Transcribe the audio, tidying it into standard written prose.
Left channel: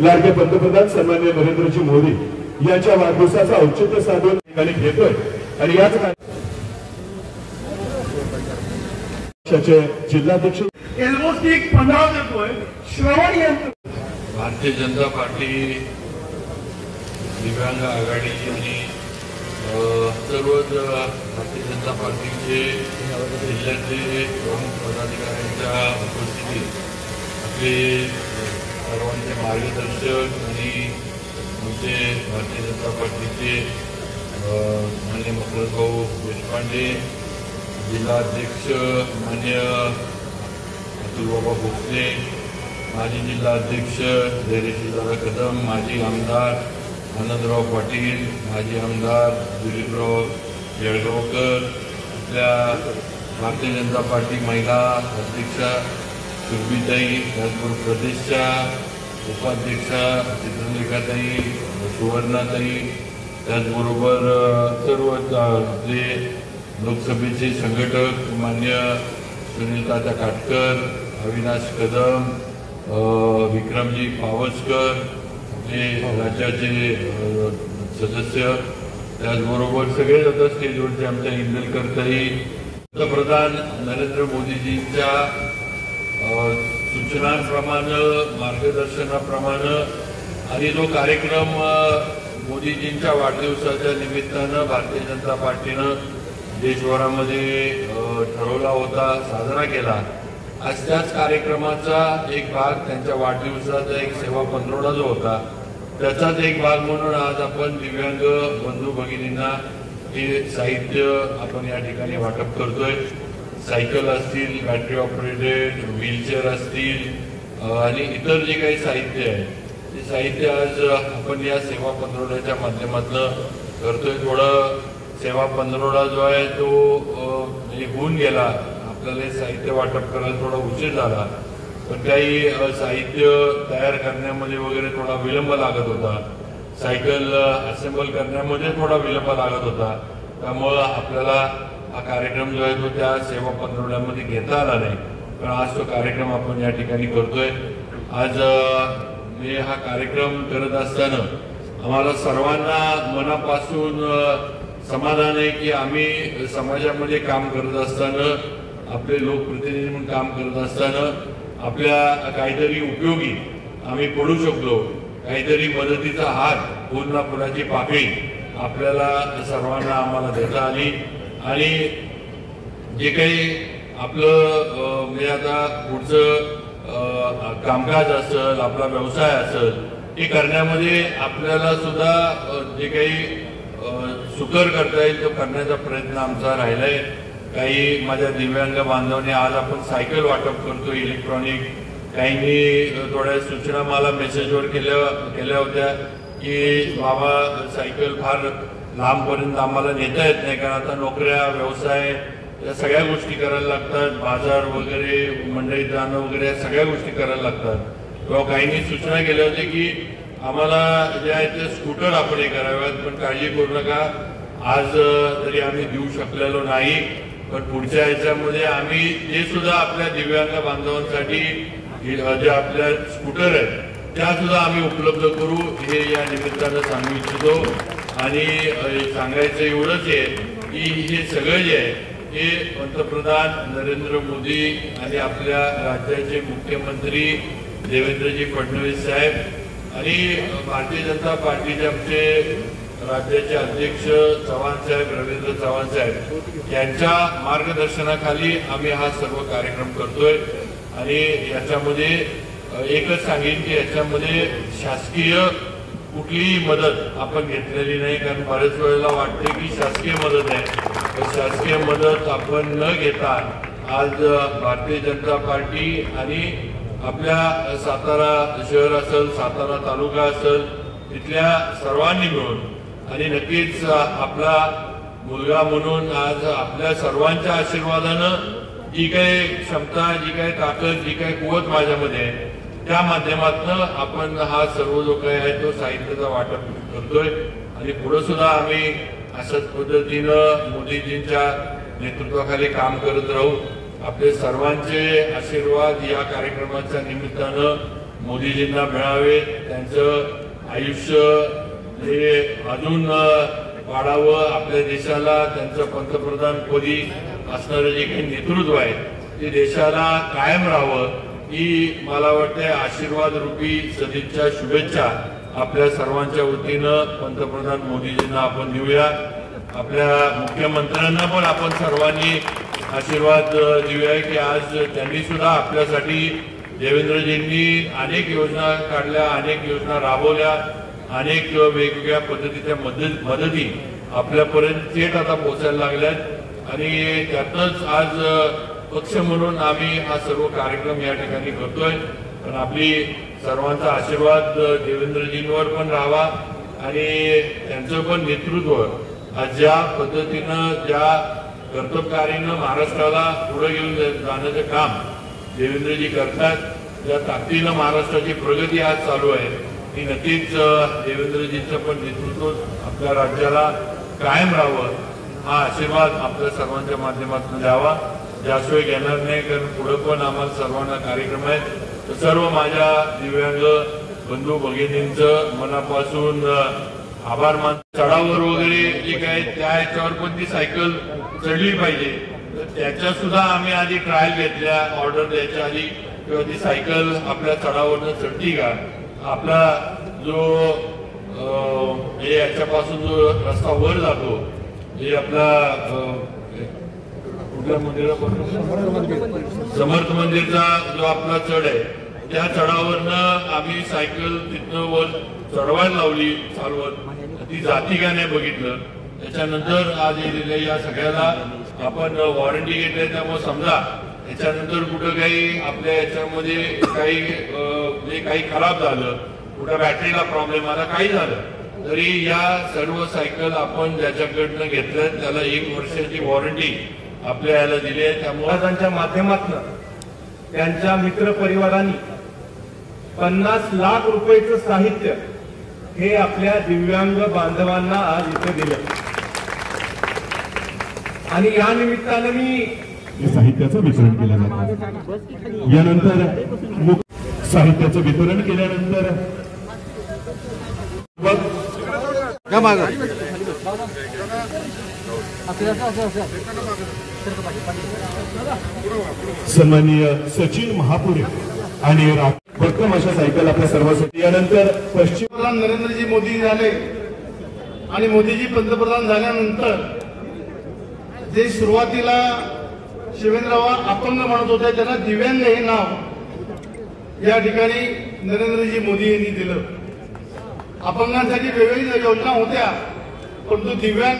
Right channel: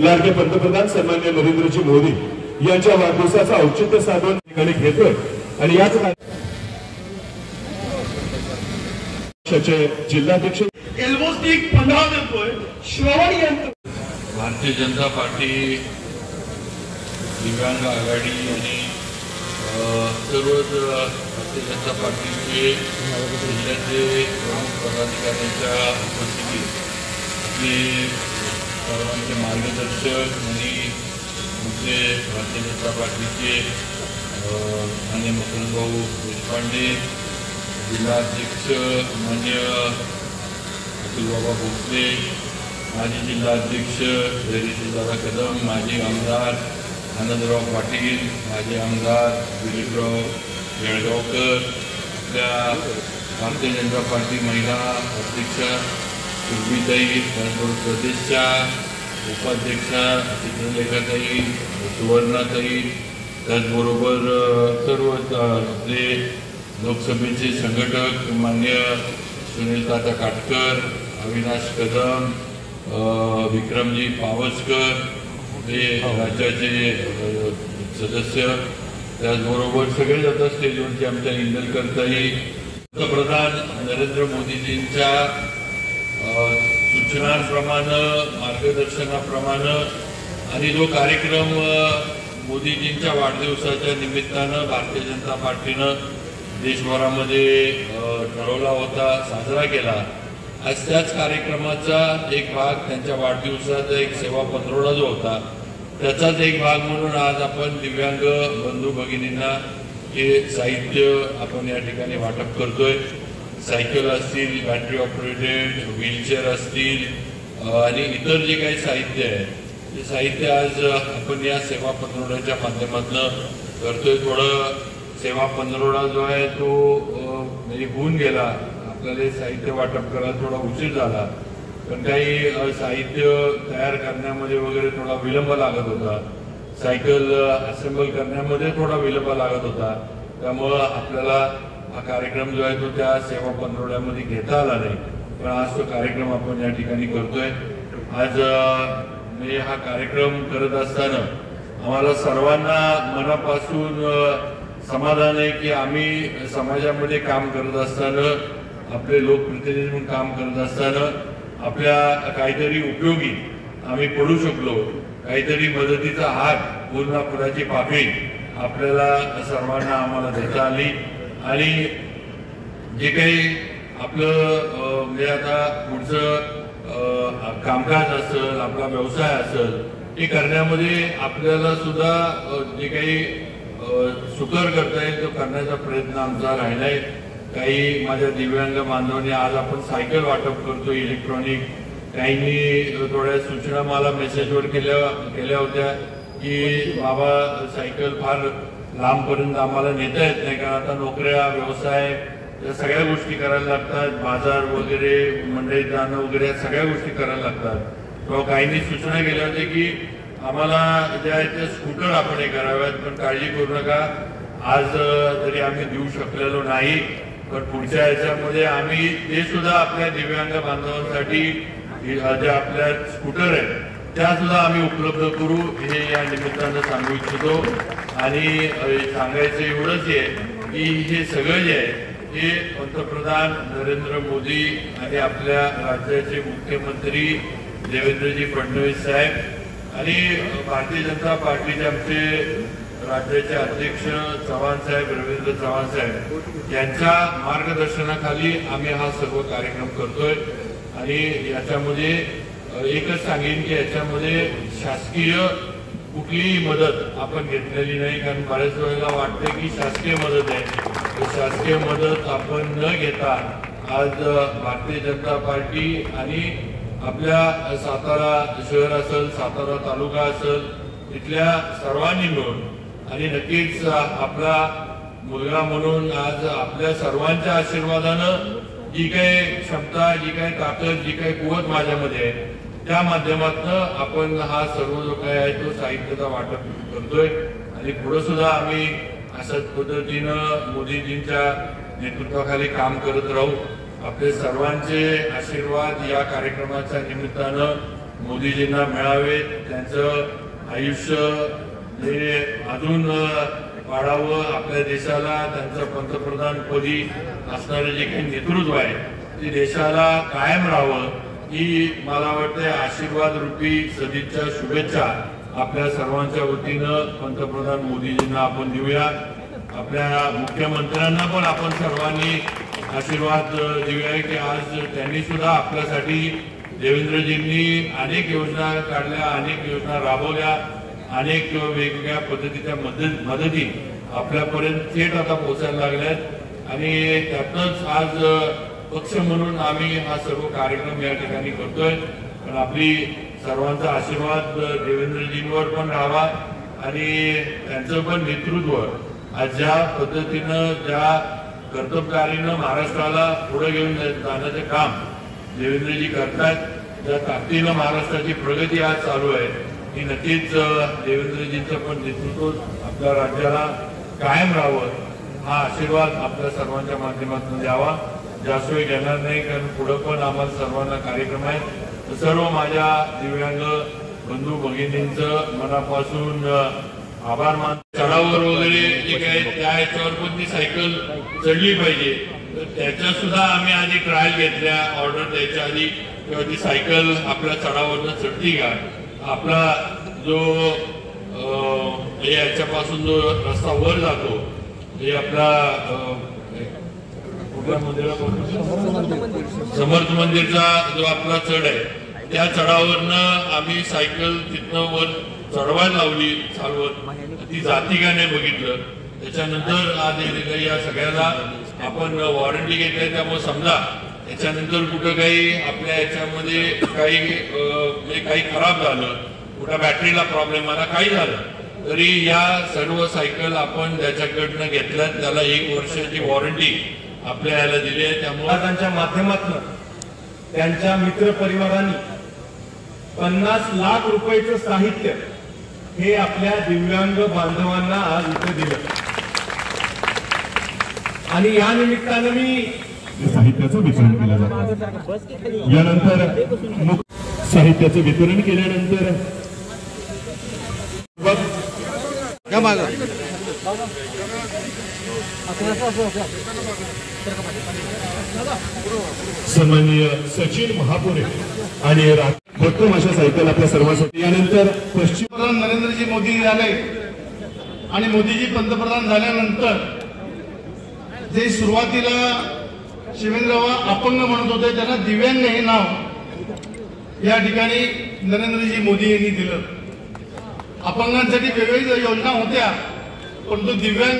लाडके पंतप्रधान सन्माननीय नरेंद्रजी मोदी यांच्या वाढदिवसाचं औचित्य साधून ठिकाणी घेतोय आणि याच पक्षाचे जिल्हाध्यक्ष एल्बोसनी एक 15 देतोय श्रवण यंत्र. भारतीय जनता पार्टी दिव्यांग आघाडी आणि सर्वच भारतीय जनता पार्टीचे जिल्ह्याचे प्रमुख पदाधिकाऱ्यांच्या उपस्थितीत आपले सर्वांचे मार्गदर्शक आणि आमचे भारतीय जनता पार्टीचे मान्य मकरभाऊ देशपांडे, जिल्हाध्यक्ष मान्य अतुलबाबा भोसले, माजी जिल्हाध्यक्ष धैर्यशीलदादा कदम, माजी आमदार आनंदराव पाटील, माजी आमदार दिलीपराव येळगावकर, आपल्या भारतीय जनता पार्टी महिला अध्यक्षा सुरभीताई, प्रदेशच्या उपाध्यक्षा चित्रलेखाताई, सुवर्णाताई, त्याचबरोबर सर्व आपले लोकसभेचे संघटक मान्य सुनीलदादा काटकर, अविनाश कदम, विक्रमजी पावसकर, आपले राज्याचे सदस्य, त्याचबरोबर सगळेच आता स्टेजवरचे आमच्या इंदलकरताई, पंतप्रधान नरेंद्र मोदीजींच्या सूचनांप्रमाणे मार्गदर्शनाप्रमाणे आणि जो कार्यक्रम मोदीजींच्या वाढदिवसाच्या निमित्तानं भारतीय जनता पार्टीनं देशभरामध्ये ठरवला होता, साजरा केला. आज त्याच कार्यक्रमाचा एक भाग त्यांच्या वाढदिवसाचा एक सेवा पंधरवडा जो होता त्याचाच एक भाग म्हणून आज आपण दिव्यांग बंधू भगिनींना हे साहित्य आपण या ठिकाणी वाटप करतोय. सायकल असतील, बॅटरी ऑपरेटेड व्हीलचेअर असतील आणि इतर जे काही साहित्य आहे ते साहित्य आज आपण या सेवा पंधरवड्याच्या माध्यमातून करतोय. थोडं सेवा पंधरवडा जो आहे तो म्हणजे होऊन गेला, आपल्याला हे साहित्य वाटप करायला थोडा उशीर झाला, पण काही साहित्य तयार करण्यामध्ये वगैरे थोडा विलंब लागत होता, सायकल असेंबल करण्यामध्ये थोडा विलंब लागत होता. त्यामुळं आपल्याला हा कार्यक्रम जो आहे तो त्या सेवा पंधरवड्यामध्ये घेता आला नाही, पण आज तो कार्यक्रम आपण या ठिकाणी करतोय. आज हा कार्यक्रम करत असताना आम्हाला सर्वांना मनापासून समाधान आहे की आम्ही समाजामध्ये काम करत असताना, आपले लोकप्रतिनिधी म्हणून काम करत असताना आपल्या काहीतरी उपयोगी आम्ही पडू शकलो, काहीतरी मदतीचा हात, पूर्णापुराची पापणी आपल्याला सर्वांना आम्हाला देता आली. आणि जे काही आपलं म्हणजे आता पुढचं कामकाज असेल, आपला व्यवसाय असेल, हे करण्यामध्ये आपल्याला सुद्धा जे काही सुकर करता येईल तो करण्याचा प्रयत्न आमचा राहिलाय. काही माझ्या दिव्यांग बांधवांनी आज आपण सायकल वाटप करतो इलेक्ट्रॉनिक, काहींनी थोड्या सूचना मला मेसेजवर केल्या होत्या की बाबा सायकल फार लांबपर्यंत आम्हाला नेता येत नाही, कारण आता नोकऱ्या, व्यवसाय या सगळ्या गोष्टी करायला लागतात, बाजार वगैरे, मंडईत जाणं वगैरे सगळ्या गोष्टी करायला लागतात. तेव्हा काहींनी सूचना केल्या होत्या की आम्हाला ज्या आहेत ते स्कूटर आपण हे कराव्यात, पण काळजी करू नका, आज जरी आम्ही देऊ शकलेलो नाही पण पुढच्या याच्यामध्ये आम्ही ते सुद्धा आपल्या दिव्यांग बांधवांसाठी जे आपल्या स्कूटर आहेत त्या सुद्धा आम्ही उपलब्ध करू, हे या निमित्तानं सांगू इच्छितो. आणि सांगायचं एवढंच आहे की हे सगळं जे आहे हे पंतप्रधान नरेंद्र मोदी आणि आपल्या राज्याचे मुख्यमंत्री देवेंद्रजी फडणवीस साहेब आणि भारतीय जनता पार्टीचे आमचे राज्याचे अध्यक्ष चव्हाण साहेब, रवींद्र चव्हाण साहेब यांच्या मार्गदर्शनाखाली आम्ही हा सर्व कार्यक्रम करतोय. आणि याच्यामध्ये एकच सांगेन की याच्यामध्ये शासकीय कुठलीही मदत आपण घेतलेली नाही, कारण बऱ्याच वेळेला वाटते की शासकीय मदत आहे, शासकीय मदत आपण न घेता आज भारतीय जनता पार्टी आणि आपल्या सातारा शहर असेल, सातारा तालुका असेल, तिथल्या सर्वांनी मिळून आणि नक्कीच आपला मुलगा म्हणून आज आपल्या सर्वांच्या आशीर्वादानं जी काही क्षमता, जी काही ताकद, जी काही कुवत माझ्यामध्ये आहे त्या माध्यमातून आपण हा सर्व जो काही आहे तो साहित्याचा वाटप करतोय. आणि पुढे सुद्धा आम्ही अशाच पद्धतीनं मोदीजींच्या नेतृत्वाखाली काम करत राहू. आपले सर्वांचे आशीर्वाद या कार्यक्रमाच्या निमित्तानं मोदीजींना मिळावे, त्यांचं आयुष्य हे अजून वाढावं, आपल्या देशाला त्यांचं पंतप्रधानपदी असणारं जे काही नेतृत्व आहे ते देशाला कायम राहावं ही मला वाटतं आशीर्वाद रूपी सदिच्छा शुभेच्छा आपल्या सर्वांच्या वतीनं पंतप्रधान मोदीजींना आपण देऊया. आपल्या मुख्यमंत्र्यांना पण आपण सर्वांनी आशीर्वाद देऊया की आज त्यांनी सुद्धा आपल्यासाठी देवेंद्रजींनी अनेक योजना काढल्या, अनेक योजना राबवल्या, अनेक वेगवेगळ्या पद्धतीच्या मदती आपल्यापर्यंत थेट आता पोहोचायला लागल्यात आणि त्यातच आज पक्ष म्हणून आम्ही हा सर्व कार्यक्रम या ठिकाणी करतोय. पण आपली सर्वांचा आशीर्वाद देवेंद्रजींवर पण राहावा आणि त्यांचं पण नेतृत्व आज ज्या पद्धतीनं ज्या कर्तबगारीनं महाराष्ट्राला पुढे घेऊन जाण्याचं काम देवेंद्रजी करतात, ज्या ताकदीनं महाराष्ट्राची प्रगती आज चालू आहे ही नक्कीच देवेंद्रजींचं पण नेतृत्व आपल्या राज्याला कायम राहावं हा आशीर्वाद आपल्या सर्वांच्या माध्यमातून द्यावा. जास्त वेळ घेणार नाही कारण पुढे पण आम्हाला सर्वांना कार्यक्रम आहे. तर सर्व माझ्या दिव्यांग बंधू भगिनींचं मनापासून आभार मान. चढावर वगैरे जे काय त्या ह्याच्यावर पण ती सायकल चढली पाहिजे, तर त्याच्या सुद्धा आम्ही आधी ट्रायल घेतल्या ऑर्डर द्यायच्या आधी किंवा ती सायकल आपल्या चढावरनं चढती का, आपला जो याच्यापासून जो रस्ता वर जातो जे आपला समर्थ मंदिरचा जो आपला चढ आहे त्या चढावरनं आम्ही सायकल तिथनं वर चढवायला लावली चालवत, ती जाती का नाही बघितलं. त्याच्यानंतर आज या सगळ्याला आपण वॉरंटी घेतली, त्यामुळे समजा याच्यानंतर कुठं काही आपल्या याच्यामध्ये काही खराब झालं, कुठं बॅटरीला प्रॉब्लेम आला, काही झालं तरी या सर्व सायकल आपण ज्याच्याकडनं घेतल्यात त्याला 1 वर्षाची वॉरंटी आपल्या याला दिली आहे. त्यामुळे त्यांच्या माध्यमातून त्यांच्या मित्र परिवारांनी 50 लाख रुपयाचं साहित्य हे आपल्या दिव्यांग बांधवांना आज इथे दिलं आणि या निमित्तानं मी साहित्याचं वितरण केलं जातं. यानंतर साहित्याचं वितरण केल्यानंतर सन्माननीय सचिन महापुरे आणि भक्कम अशा सायकल आपल्या सर्वांसाठी. यानंतर पश्चिम नरेंद्रजी मोदी झाले आणि मोदीजी पंतप्रधान झाल्यानंतर जे सुरुवातीला शिवेंद्रराव अपंग म्हणत होते त्यांना दिव्यांग हे नाव या ठिकाणी नरेंद्रजी मोदी यांनी दिलं. अपंगांसाठी वेगवेगळ्या योजना होत्या परंतु दिव्यांग